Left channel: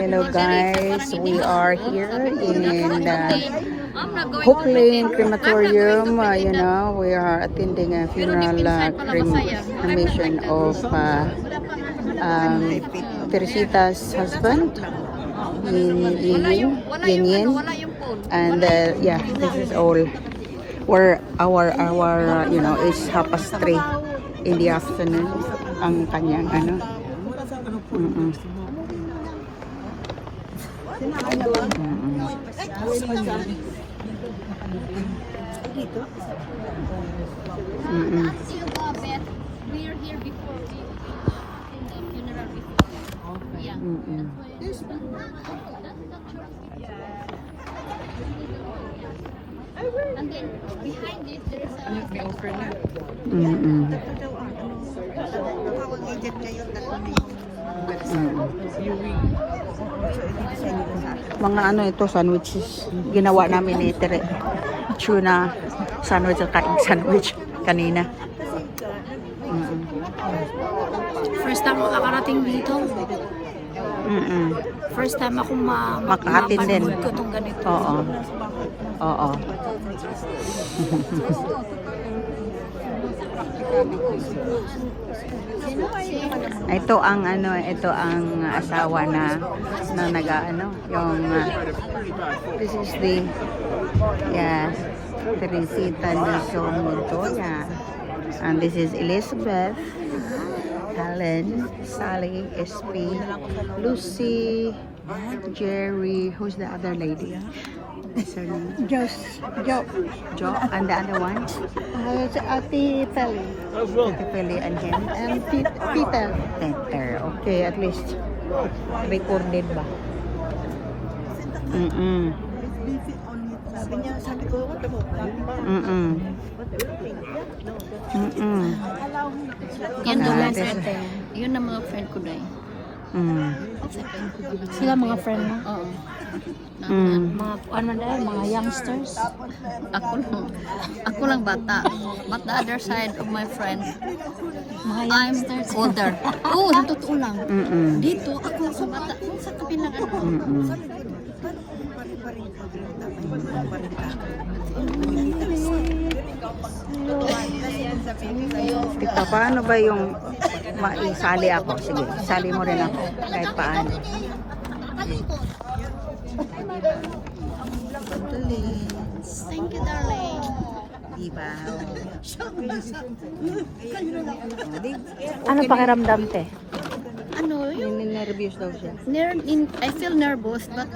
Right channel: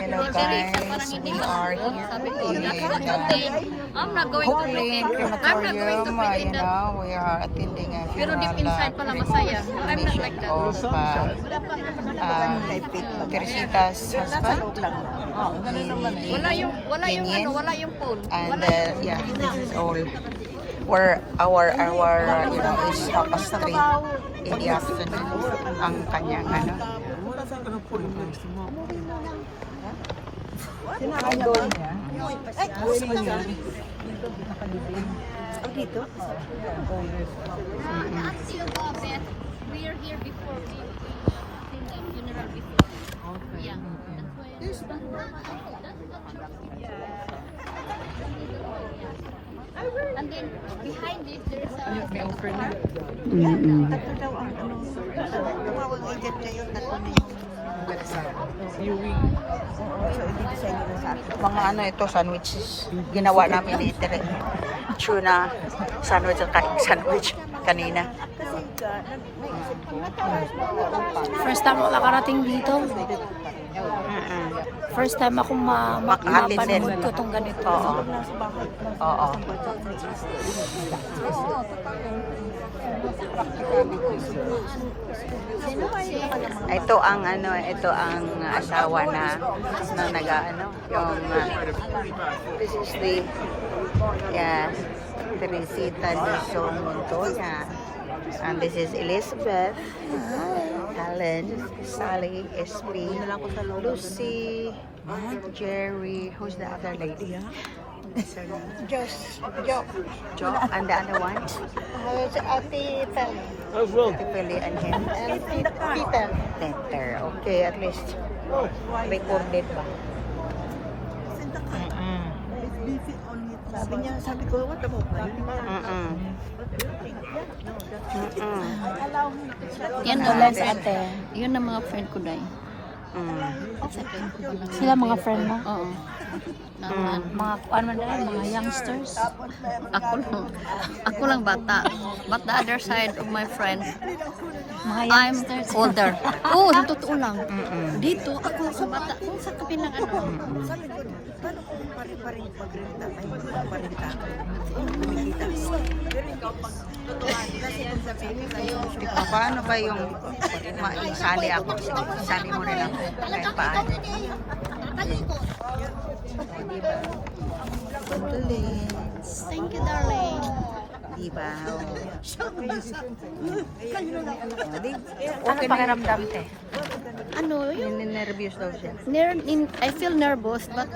Hello guys, we are here in Hook Lane Crematorium. You know, we are attending a funeral cremation of Teresita's husband, Yin Yin. And yeah, this is all. Where our you know, is 3:30 in the afternoon ang kanyang ano. We are here before we in the funeral before. Yeah. There's the and then behind this there is a may offer na. Mga ano ito, sandwiches. Ginawa namin ni Tere. Tuna sandwich at sandwich kanina. First time ako nakarating dito. First time ako mapanood ko itong ganito. Oo. Ito ang ano, ito ang asawa na nag-ano, yung name. Yes. Teresita Nelson Mendoza. And this is Elizabeth, Helen, Sally, SP, Lucy, Jerry. Who's the other lady? What's her name? Jo. And the other one? It's Ate Tali. And Peter. Okay, at least. Record nila. Sabi ko, what about Yan daw lang sa ate. Yun ang mga friend ko dahil. Sila mga friend mo? Oo. Mga ano dahil, mga youngsters. Ako lang bata. But the other side of my friends, mga youngsters. I'm older. Oo, totoo lang. Dito, ako sa bata. Kung sa kabilang ano. Ito, paano ba yung sali ako? Sige, sali mo rin ako kahit paano. Thank you, darling. Diba? Ano pakiramdam te? Ano yung Nervous daw siya. I feel nervous but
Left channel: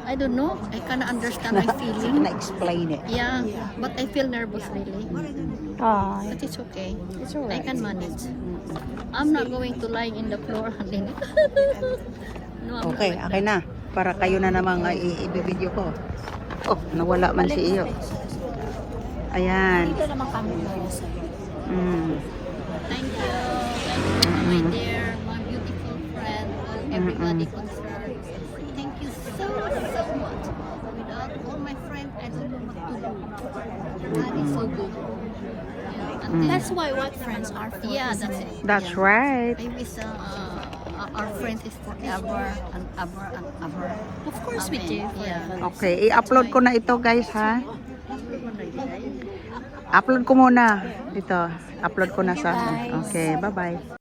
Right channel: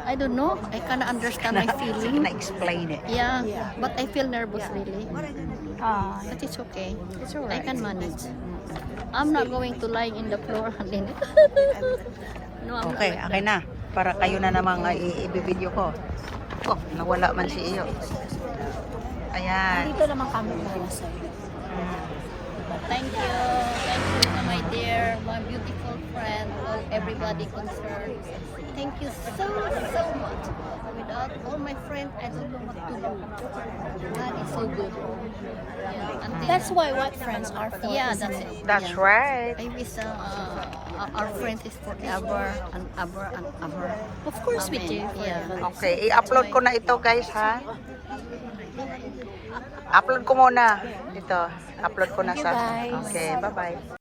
I don't know. I cannot understand my feeling. Na-explain it. Yeah, but I feel nervous really. But it's okay. It's alright. I can manage. I'm not going to lie in the floor and then. No, I'm Okay, not like okay na. Para kayo na namang i-video ko. Oh, nawala man si iyo. Ayan. Thank you, my dear, my beautiful friend, everybody concerned. Thank you so much. Without all my friends, I don't know what to do. God is so good. Yeah, and that's why what friends are for. Yeah, that's it. That's right. I wish our friends is forever and ever and ever. Of course we do. Yeah. Okay, i-upload ko na ito guys ha. Upload ko muna dito. Upload ko na sa. Okay, bye-bye.